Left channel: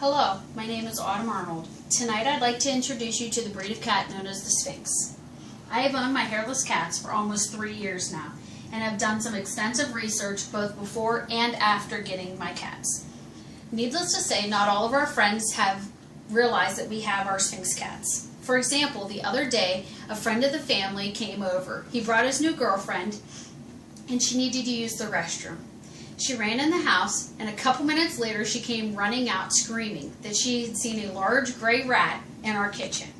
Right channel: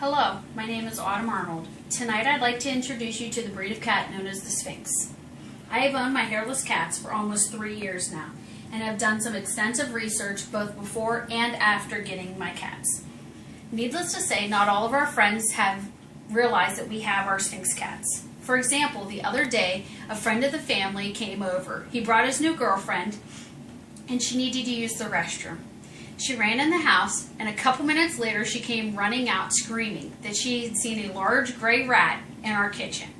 Hello, my name is Autumn Arnold. Tonight I'd like to introduce you to the breed of cat known as the Sphynx. I have owned my hairless cats for almost 3 years now and have done some extensive research both before and after getting my cats. Needless to say, not all of our friends have realized that we have our Sphynx cats. For example, the other day, a friend of the family came over. He brought his new girlfriend and she needed to use the restroom. She ran in the house, and a couple minutes later she came running out screaming that she had seen a large gray rat in our kitchen.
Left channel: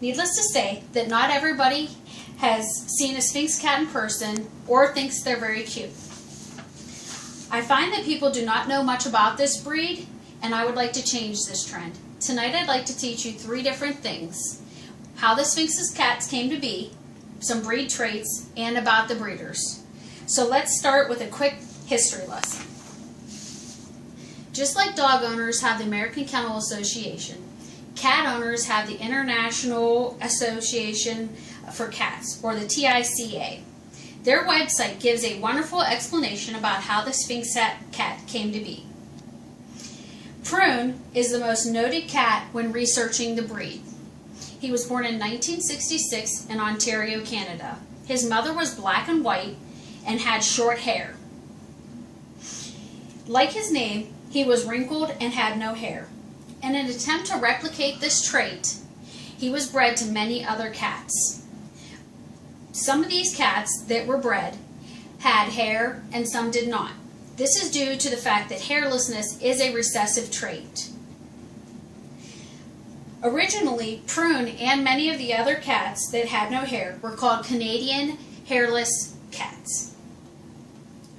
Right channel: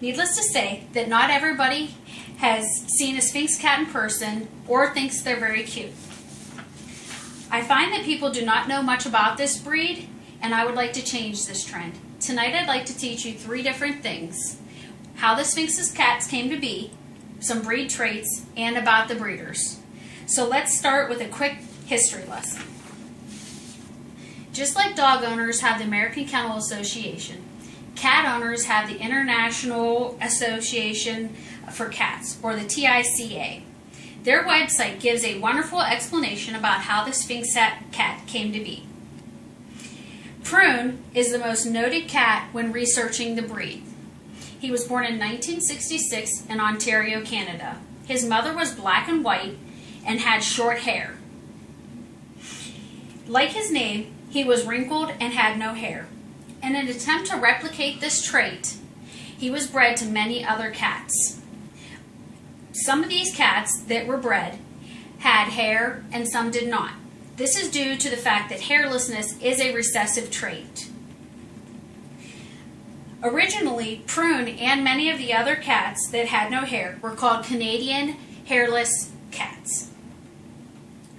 Needless to say that not everybody has seen a Sphynx cat in person or thinks they're very cute. I find that people do not know much about this breed, and I would like to change this trend. Tonight I'd like to teach you 3 different things: how the Sphynx's cats came to be, some breed traits, and about the breeders. So let's start with a quick history lesson. Just like dog owners have the American Kennel Association, cat owners have the International Association for Cats, or the TICA. Their website gives a wonderful explanation about how the Sphynx cat came to be. Prune is the most noted cat when researching the breed. He was born in 1966 in Ontario, Canada. His mother was black and white and had short hair. Like his name, he was wrinkled and had no hair. In an attempt to replicate this trait, he was bred to many other cats. Some of these cats that were bred had hair and some did not. This is due to the fact that hairlessness is a recessive trait. Originally, Prune and many of the other cats that had no hair were called Canadian hairless cats.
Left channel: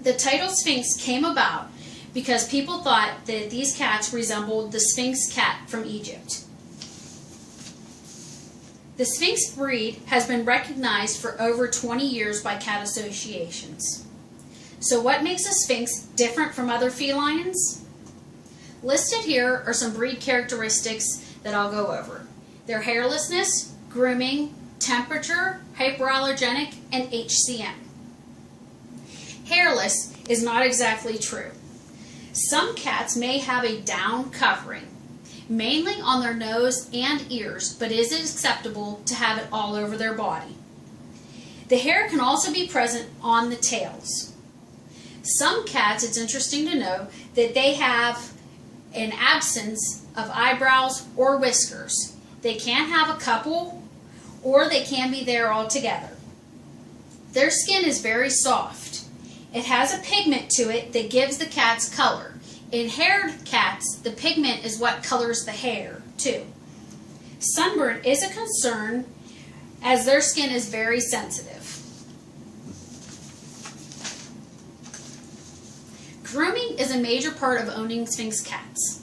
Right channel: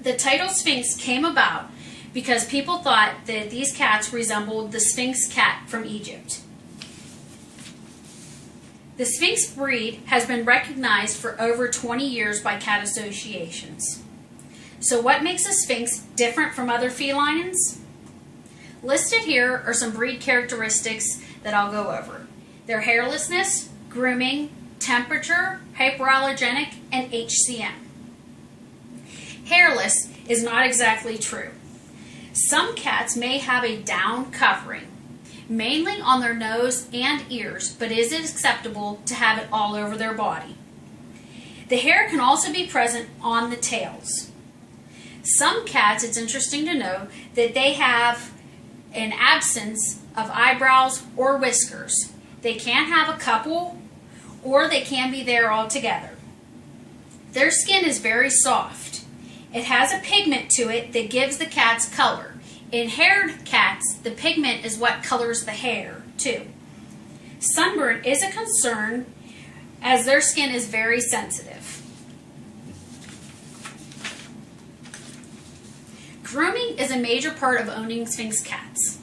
The title Sphynx came about because people thought that these cats resembled the Sphynx cat from Egypt. The Sphynx breed has been recognized for over 20 years by cat associations. So what makes a Sphynx different from other felines? Listed here are some breed characteristics that I'll go over: their hairlessness, grooming, temperature, hypoallergenic, and HCM. Hairless is not exactly true. Some cats may have a down covering, mainly on their nose and ears, but is it acceptable to have it all over their body? The hair can also be present on the tails. Some cats, it's interesting to know that they have an absence of eyebrows or whiskers. They can have a couple, or they can be there altogether. Their skin is very soft. It has a pigment to it that gives the cats color. In haired cats, the pigment is what colors the hair too. Sunburn is a concern as their skin is very sensitive. Grooming is a major part of owning Sphynx cats.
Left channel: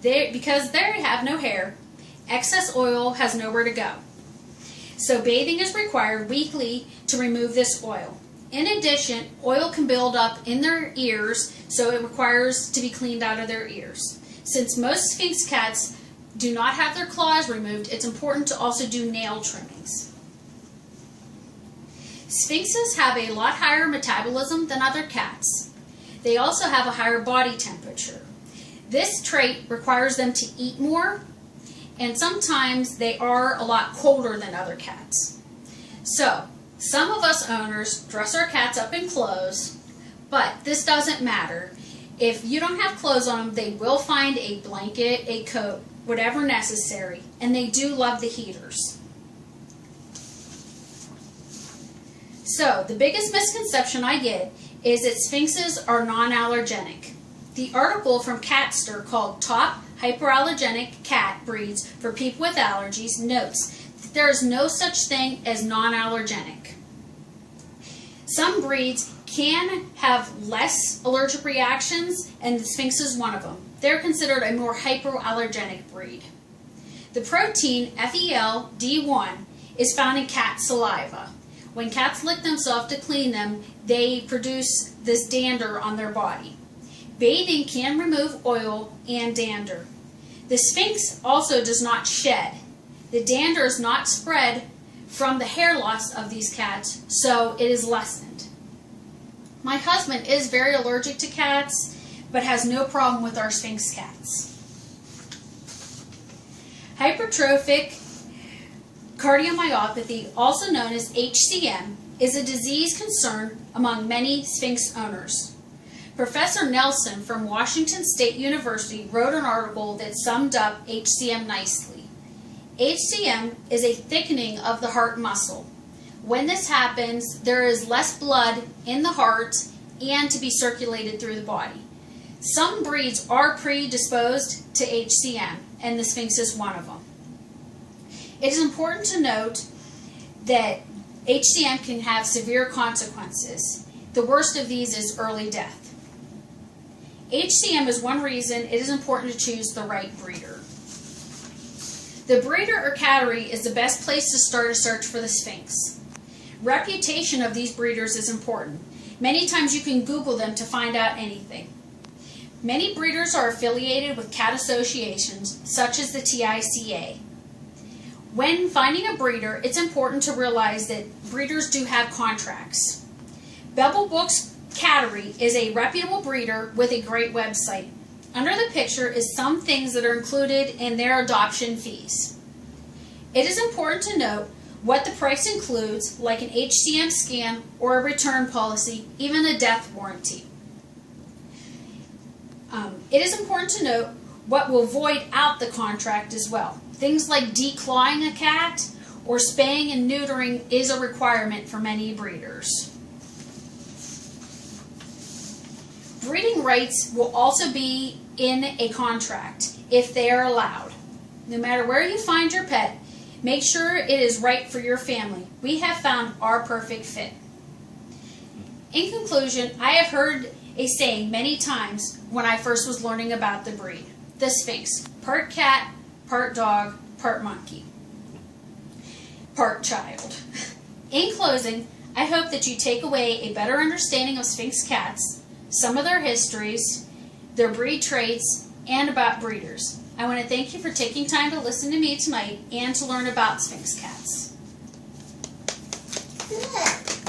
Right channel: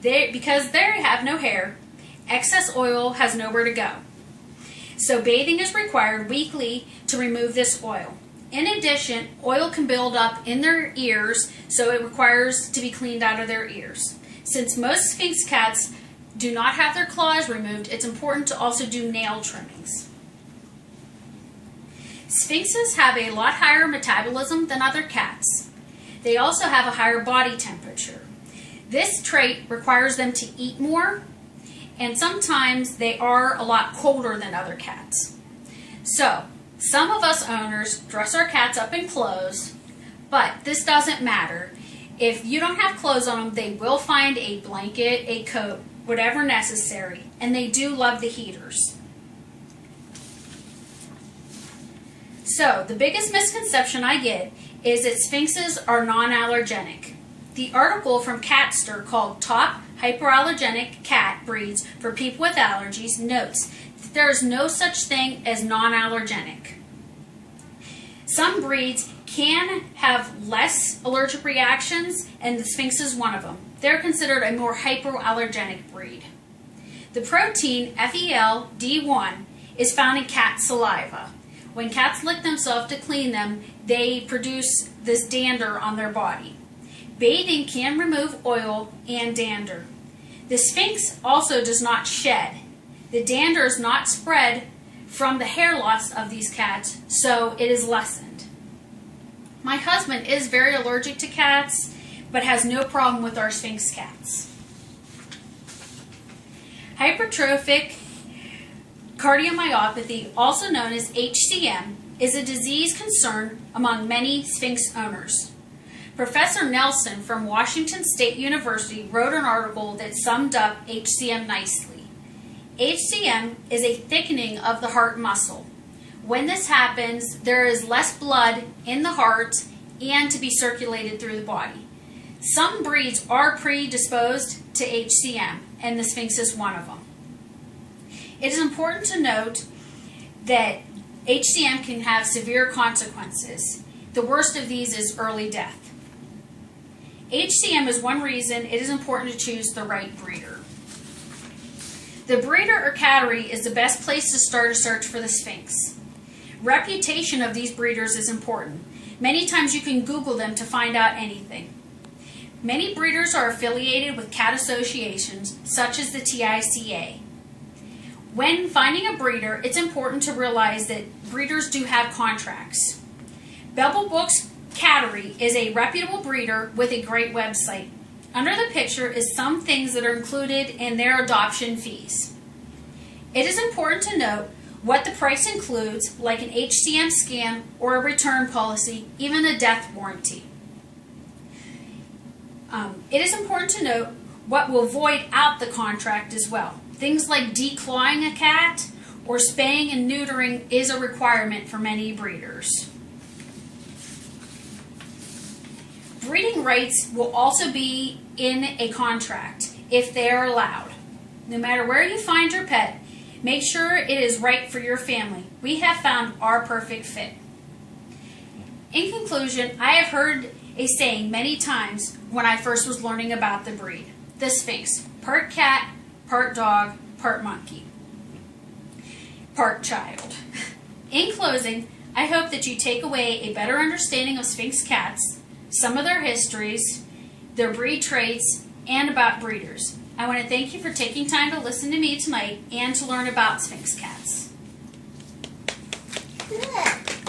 Because they have no hair, excess oil has nowhere to go. So bathing is required weekly to remove this oil. In addition, oil can build up in their ears, so it requires to be cleaned out of their ears. Since most Sphynx cats do not have their claws removed, it's important to also do nail trimmings. Sphynxes have a lot higher metabolism than other cats. They also have a higher body temperature. This trait requires them to eat more, and sometimes they are a lot colder than other cats. So, some of us owners dress our cats up in clothes, but this doesn't matter. If you don't have clothes on them, they will find a blanket, a coat, whatever necessary, and they do love the heaters. So, the biggest misconception I get is that Sphynxes are non-allergenic. The article from Catster called Top Hyperallergenic Cat Breeds for People with Allergies notes that there is no such thing as non-allergenic. Some breeds can have less allergic reactions, and the Sphynx is one of them. They're considered a more hypoallergenic breed. The protein FeLD1 is found in cat saliva. When cats lick themselves to clean them, they produce this dander on their body. Bathing can remove oil and dander. The Sphynx also does not shed. The dander is not spread from the hair loss of these cats, so it is lessened. My husband is very allergic to cats, but has no problem with our Sphynx cats. Hypertrophic cardiomyopathy, also known as HCM, is a disease concern among many Sphynx owners. Professor Nelson from Washington State University wrote an article that summed up HCM nicely. HCM is a thickening of the heart muscle. When this happens, there is less blood in the heart and to be circulated through the body. Some breeds are predisposed to HCM, and the Sphynx is one of them. It is important to note that HCM can have severe consequences. The worst of these is early death. HCM is one reason it is important to choose the right breeder. The breeder or cattery is the best place to start a search for the Sphynx. Reputation of these breeders is important. Many times you can Google them to find out anything. Many breeders are affiliated with cat associations, such as the TICA. When finding a breeder, it's important to realize that breeders do have contracts. Bevelbrook's Cattery is a reputable breeder with a great website. Under the picture is some things that are included in their adoption fees. It is important to note what the price includes, like an HCM scan or a return policy, even a death warranty. It is important to note what will void out the contract as well. Things like declawing a cat or spaying and neutering is a requirement for many breeders. Breeding rights will also be in a contract if they are allowed. No matter where you find your pet, make sure it is right for your family. We have found our perfect fit. In conclusion, I have heard a saying many times when I first was learning about the breed. The Sphynx, part cat, part dog, part monkey, part child. In closing, I hope that you take away a better understanding of Sphynx cats, some of their histories, their breed traits, and about breeders. I want to thank you for taking time to listen to me tonight and to learn about Sphynx cats. Good.